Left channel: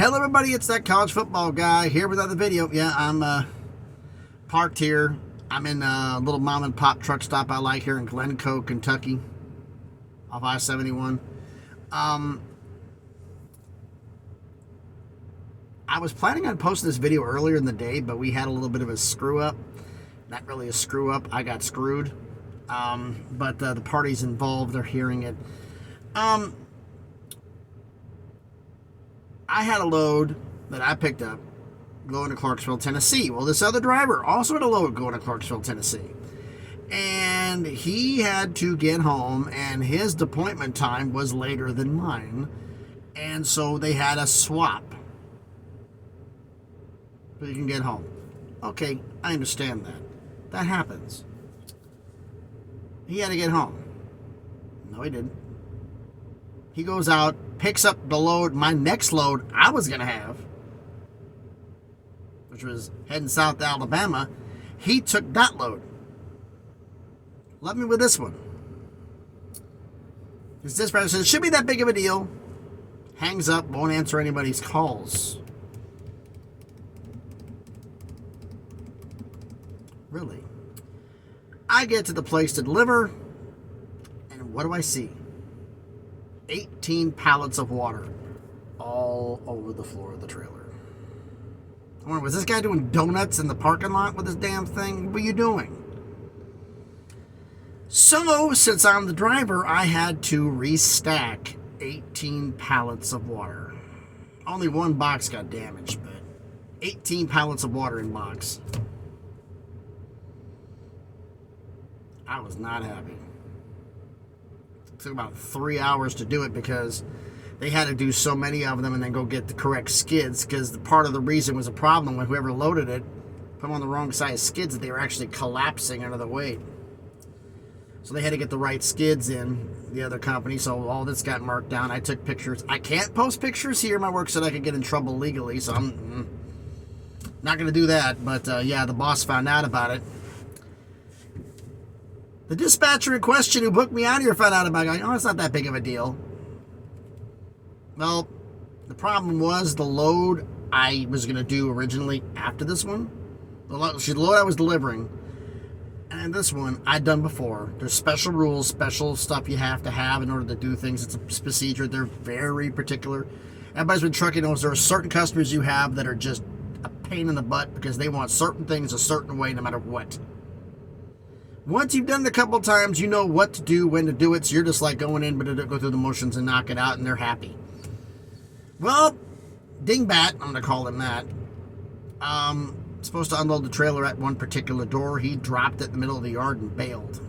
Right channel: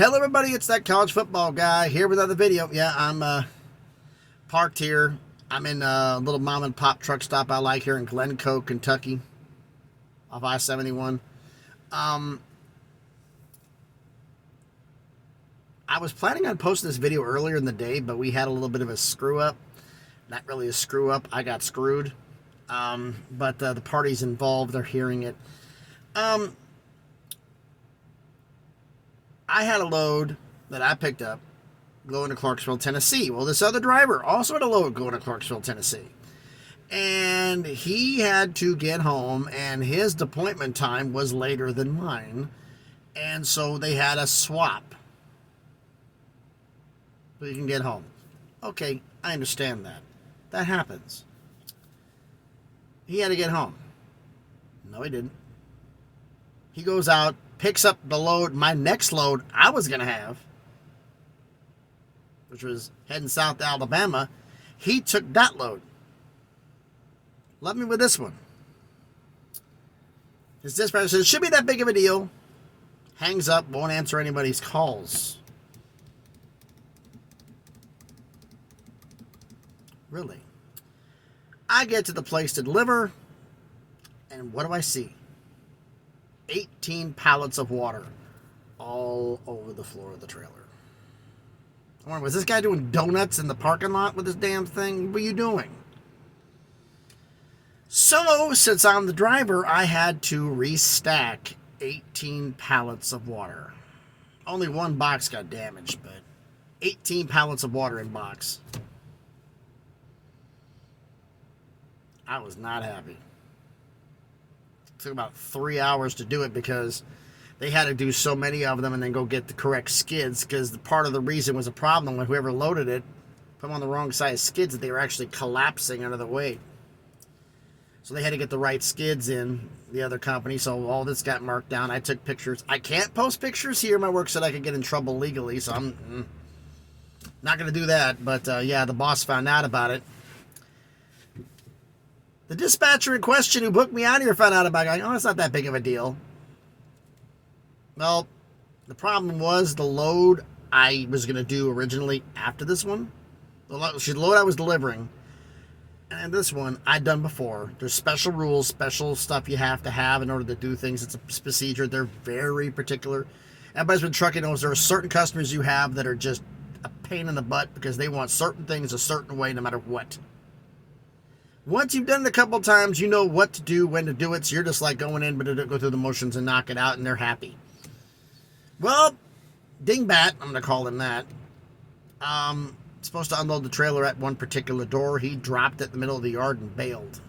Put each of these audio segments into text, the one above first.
Hello everybody, it's that college football guy here with another video. Yeah, I'm parked here. I'm in a little mom and pop truck stop I like here in Glencoe, Kentucky, off I-71. I was planning on posting this video earlier in the day, but we had a little bit of a screw up. Not really a screw up, I got screwed. But the parties involved are hearing it. I had a load that I picked up going to Clarksville, Tennessee. Well, this other driver also had a load going to Clarksville, Tennessee. And he had to get home, and his appointment time was later than mine. And so they had a swap so you can get home. Okay, I understand that. That happens. He had to get home. No, he didn't. He goes out, picks up the load, my next load I was going to have, which was heading south to Alabama. He took that load. Left me with this one. His dispatcher says, should be that big of a deal. Hangs up, won't answer anybody's calls. Really? I get to the place to deliver, and what do I see? 18 pallets of water all over the floor of the trailer. I wonder, was this guy doing donuts in the parking lot with this damn thing? What are you doing? So, since I'm the driver, I had to restack 18 pallets of water. Only one box got damaged, but 18 pallets of water in box. I was not happy. It took about 3 hours to do it because they had to do so many of them and then go get the correct skids, because part of the reason was a problem with whoever loaded it put them on the wrong size skids, that they were actually collapsing under the weight. So they had to get the right skids in, the other company, so all this got marked down. I took pictures. I can't post pictures here. My work said I could get in trouble legally, so I'm not going to do that. But yeah, the boss found out about it. The dispatcher in question who booked me out here found out about it. Oh, it's not that big of a deal. Well, the problem was the load I was going to do originally after this one. The load I was delivering. And this one I'd done before. There's special rules, special stuff you have to have in order to do things. It's a procedure. They're very particular. Everybody's been trucking knows there are certain customers you have that are just a pain in the butt because they want certain things a certain way no matter what. Once you've done it a couple times, you know what to do, when to do it, so you're just like going in, but go through the motions and knock it out, and they're happy. Well, Dingbat, I'm going to call him that, supposed to unload the trailer at one particular door. He dropped it in the middle of the yard and bailed.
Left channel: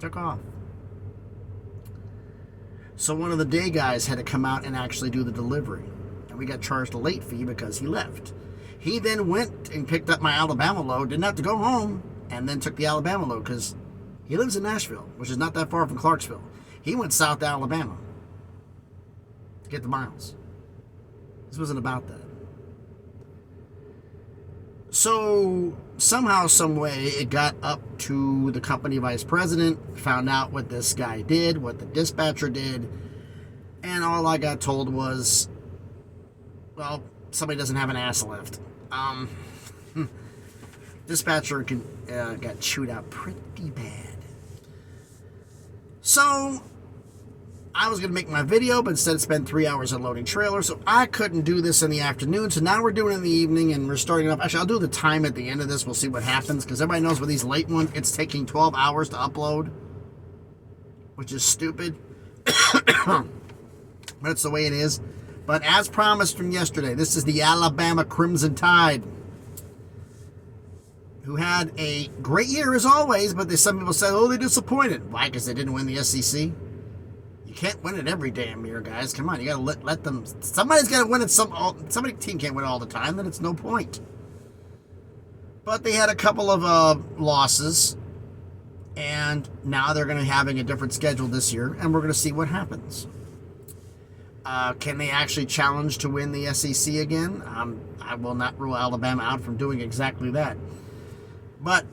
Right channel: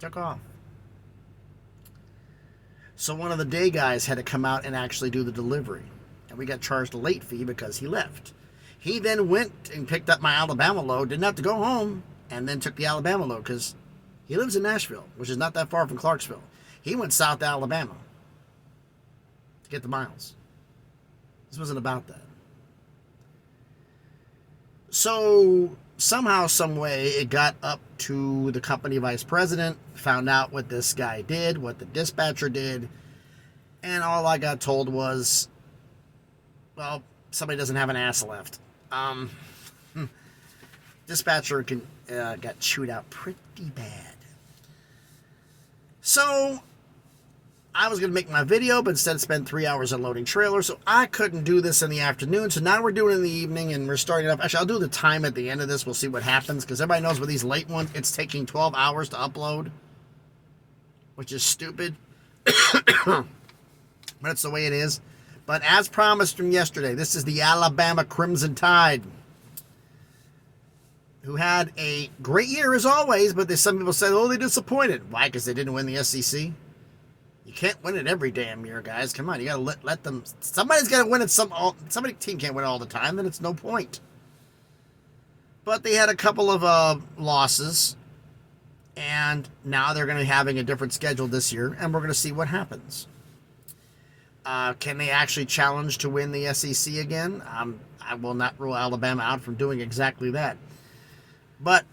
Took off. So one of the day guys had to come out and actually do the delivery, and we got charged a late fee because he left. He then went and picked up my Alabama load, didn't have to go home, and then took the Alabama load because he lives in Nashville, which is not that far from Clarksville. He went south to Alabama to get the miles. This wasn't about that. So somehow, some way, it got up to the company vice president, found out what this guy did, what the dispatcher did, and all I got told was, well, somebody doesn't have an ass left. Dispatcher got chewed out pretty bad. So I was going to make my video, but instead spent 3 hours unloading trailers, so I couldn't do this in the afternoon. So now we're doing it in the evening, and we're starting it up. Actually, I'll do the time at the end of this. We'll see what happens, because everybody knows with these late ones, it's taking 12 hours to upload, which is stupid. But it's the way it is. But as promised from yesterday, this is the Alabama Crimson Tide, who had a great year as always, but some people said, oh, they disappointed. Why? Because they didn't win the SEC? You can't win it every damn year, guys. Come on, you got to let them. Somebody's got to win it. Somebody team can't win it all the time, then it's no point. But they had a couple of losses, and now they're going to be having a different schedule this year, and we're going to see what happens. Can they actually challenge to win the SEC again? I will not rule Alabama out from doing exactly that. But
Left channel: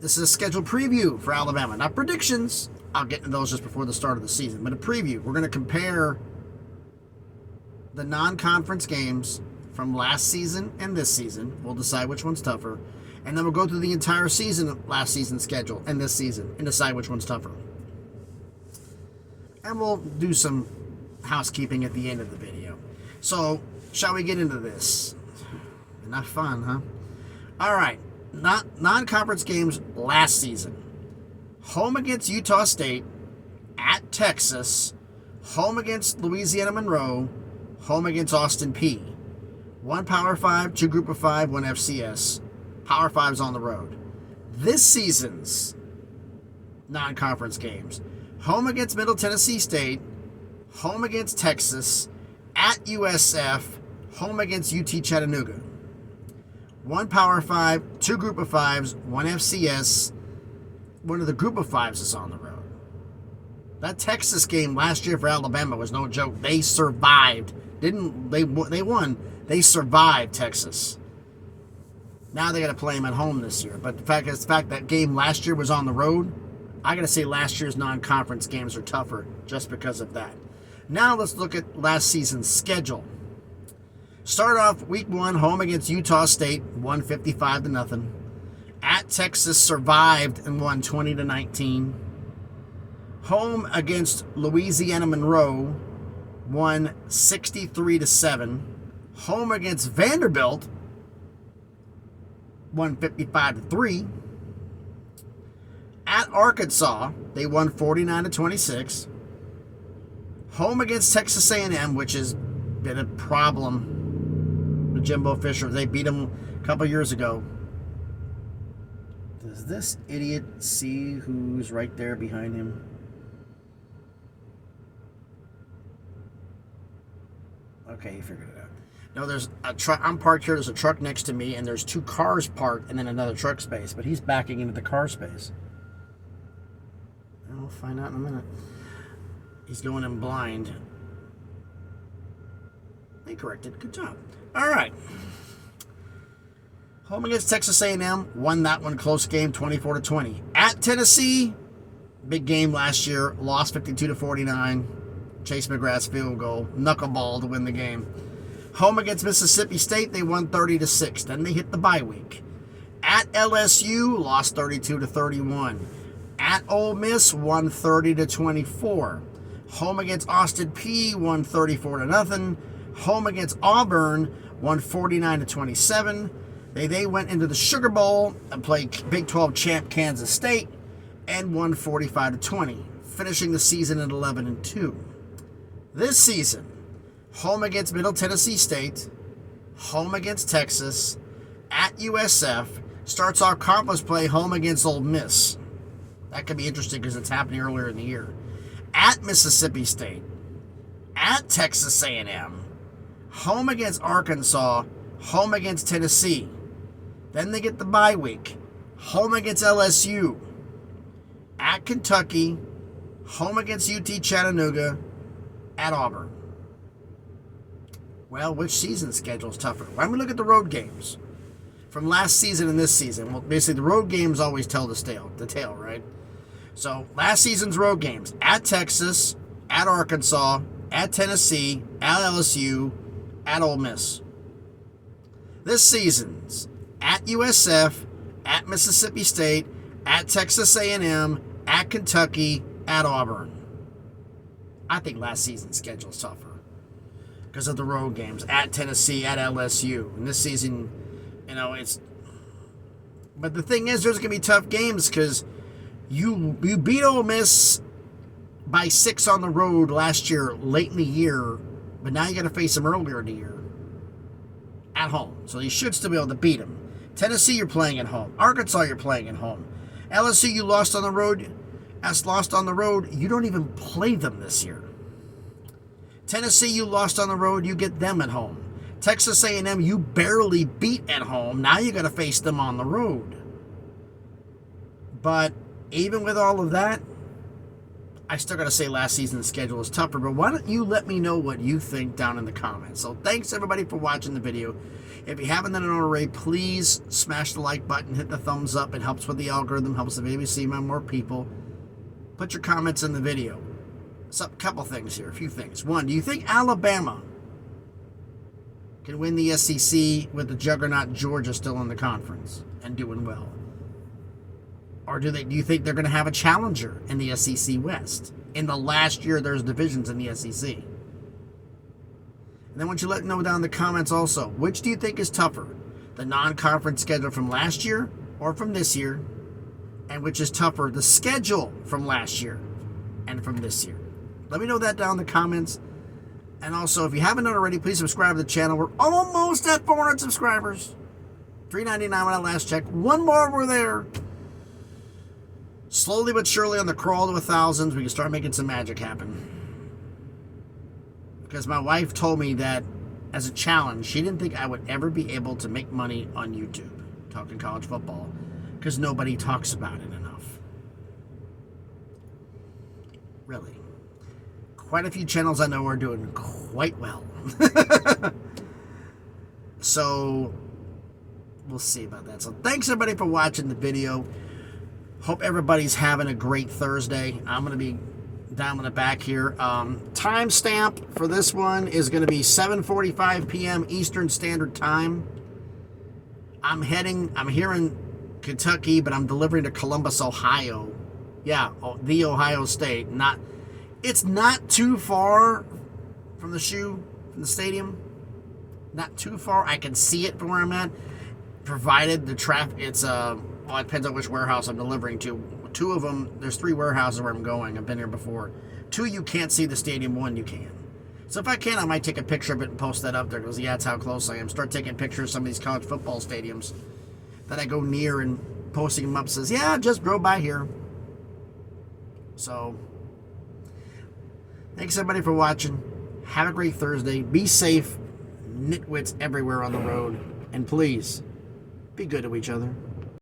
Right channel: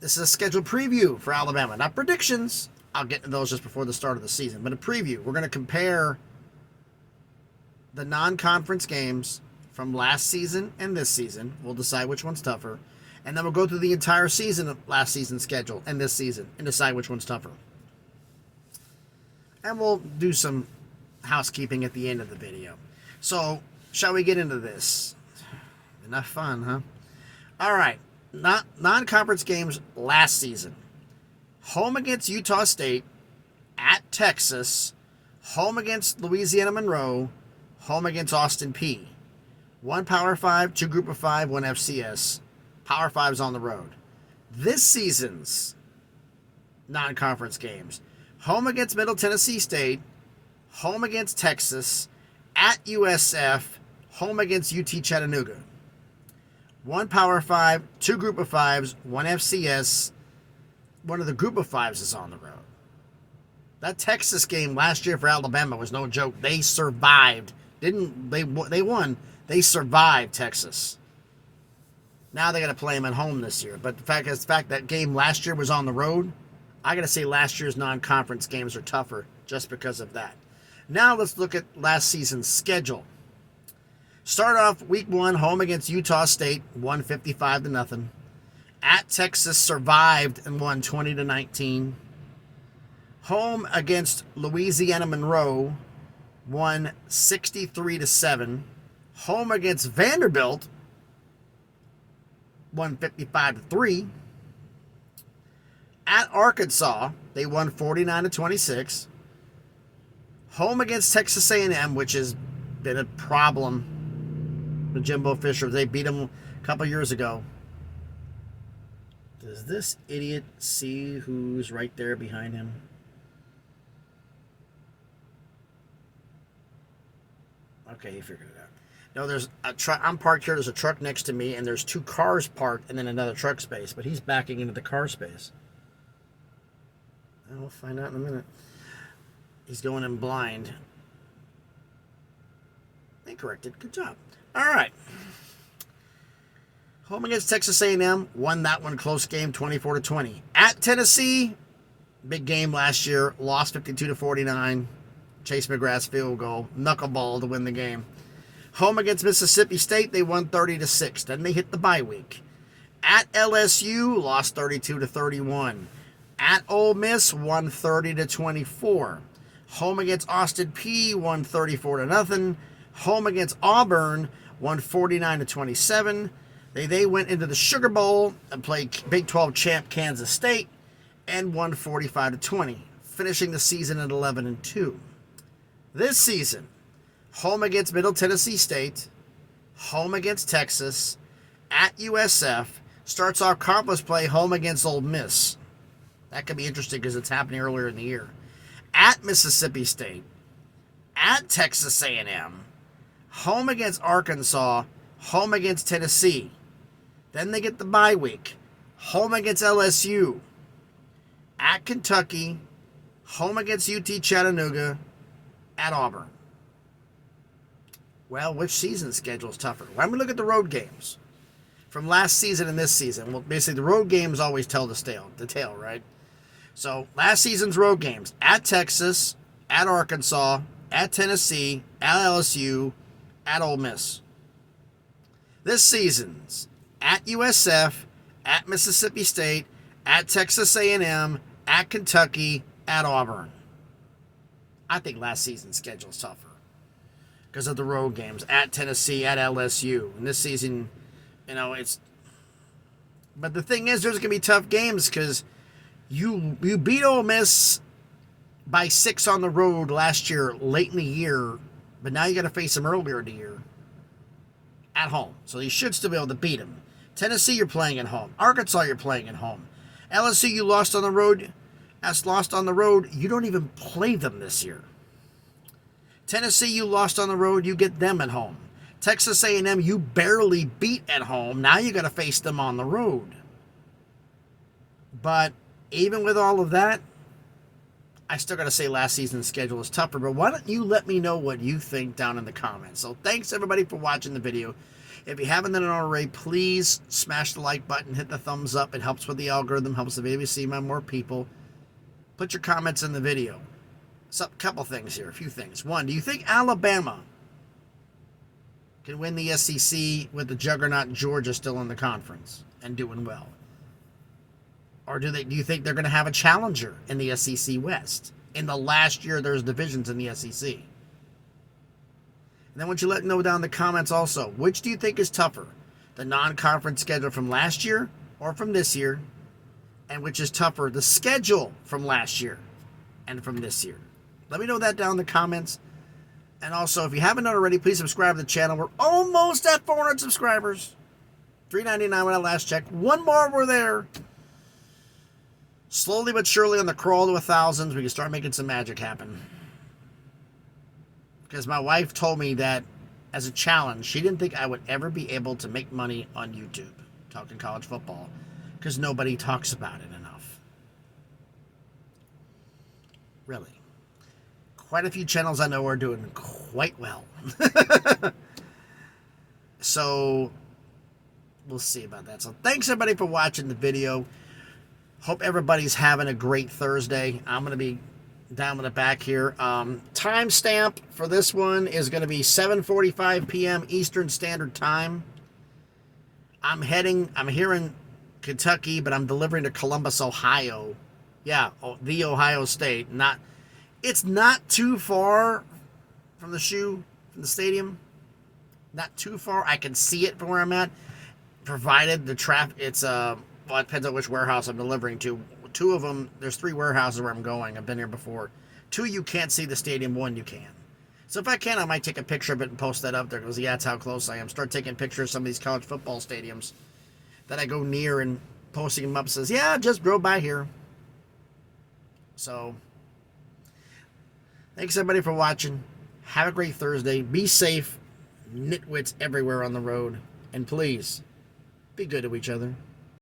this is a scheduled preview for Alabama, not predictions. I'll get into those just before the start of the season. But a preview. We're going to compare the non-conference games from last season and this season. We'll decide which one's tougher. And then we'll go through the entire season of last season's schedule and this season and decide which one's tougher. And we'll do some housekeeping at the end of the video. So, shall we get into this? Enough fun, huh? All right. Non-conference games last season. Home against Utah State, at Texas, home against Louisiana Monroe, home against Austin Peay. 1 Power 5, 2 Group of 5, 1 FCS. Power 5's on the road. This season's non-conference games. Home against Middle Tennessee State, home against Texas, at USF, home against UT Chattanooga. 1 Power 5, 2 Group of 5s, 1 FCS. One of the Group of 5s is on the road. That Texas game last year for Alabama was no joke. They survived. They won. They survived Texas. Now they got to play them at home this year. But the fact that game last year was on the road, I got to say last year's non-conference games are tougher just because of that. Now let's look at last season's schedule. Start off week 1, home against Utah State, 155-0. At Texas, survived and won 20-19. Home against Louisiana Monroe, won 63-7. Home against Vanderbilt, won 55-3. At Arkansas, they won 49-26. Home against Texas A&M, which has been a problem with Jimbo Fisher. They beat them a couple years ago. Does this idiot see who's right there behind him? Okay, he figured it out. No, there's a truck. I'm parked here. There's a truck next to me, and there's 2 cars parked, and then another truck space. But he's backing into the car space. I'll find out in a minute. He's going in blind. They corrected. Good job. All right. Home against Texas A&M. Won that one close game, 24-20. At Tennessee, big game last year. Lost 52-49. Chase McGrath's field goal. Knuckleball to win the game. Home against Mississippi State, they won 30-6. Then they hit the bye week. At LSU, lost 32-31. At Ole Miss, won 30-24. Home against Austin Peay, won 34-0. Home against Auburn, won 49-27. They went into the Sugar Bowl and played Big 12 champ Kansas State and won 45-20, finishing the season at 11-2. This season, home against Middle Tennessee State, home against Texas, at USF, starts off conference play home against Ole Miss. That could be interesting because it's happening earlier in the year. At Mississippi State, at Texas A&M, home against Arkansas, home against Tennessee. Then they get the bye week. Home against LSU. At Kentucky, home against UT Chattanooga, at Auburn. Well, which season schedule is tougher? Why don't we look at the road games from last season and this season? Well, basically, the road games always tell the tale, right? So, last season's road games: at Texas, at Arkansas, at Tennessee, at LSU, at Ole Miss. This season's at USF, at Mississippi State, at Texas A&M, at Kentucky, at Auburn. I think last season's schedule is tougher because of the road games at Tennessee, at LSU. And this season, it's. But the thing is, there's going to be tough games because you beat Ole Miss by 6 on the road last year, late in the year, but now you got to face them earlier in the year at home. So you should still be able to beat them. Tennessee, you're playing at home. Arkansas, you're playing at home. LSU, you lost on the road. As lost on the road, you don't even play them this year. Tennessee, you lost on the road, you get them at home. Texas A&M, you barely beat at home. Now you got to face them on the road. But even with all of that, I still got to say last season's schedule is tougher. But why don't you let me know what you think down in the comments? So thanks everybody for watching the video. If you haven't done it already, please smash the like button, hit the thumbs up. It helps with the algorithm, helps the video see more people. Put your comments in the video. So, a couple things here, a few things. One, do you think Alabama can win the SEC with the juggernaut Georgia still in the conference and doing well? Or do you think they're going to have a challenger in the SEC West? In the last year, there's divisions in the SEC. And then why don't you let me know down in the comments also, which do you think is tougher? The non-conference schedule from last year or from this year? And which is tougher, the schedule from last year and from this year? Let me know that down in the comments. And also, if you haven't done already, please subscribe to the channel. We're almost at 400 subscribers. 399 when I last checked. One more, we're there. Slowly but surely on the crawl to 1,000, we can start making some magic happen. Because my wife told me that as a challenge, she didn't think I would ever be able to make money on YouTube talking college football, because nobody talks about it enough. Really. Quite a few channels I know are doing quite well. So, we'll see about that. So, thanks everybody for watching the video. Hope everybody's having a great Thursday. I'm going to be down in the back here. Timestamp for this one is going to be 7:45 p.m. Eastern Standard Time. I'm here in Kentucky, but I'm delivering to Columbus, Ohio. Yeah, the Ohio State. It's not too far from the stadium. Not too far. I can see it from where I'm at. Provided the traffic, it depends on which warehouse I'm delivering to. Two of them, there's 3 warehouses where I'm going. I've been here before. 2 you can't see the stadium, 1 you can. So if I can, I might take a picture of it and post that up there, because yeah, that's how close I am. Start taking pictures of some of these college football stadiums that I go near and posting them up. Says, yeah, just drove by here. So, thanks everybody for watching. Have a great Thursday. Be safe. Nitwits everywhere on the road. And please, be good to each other.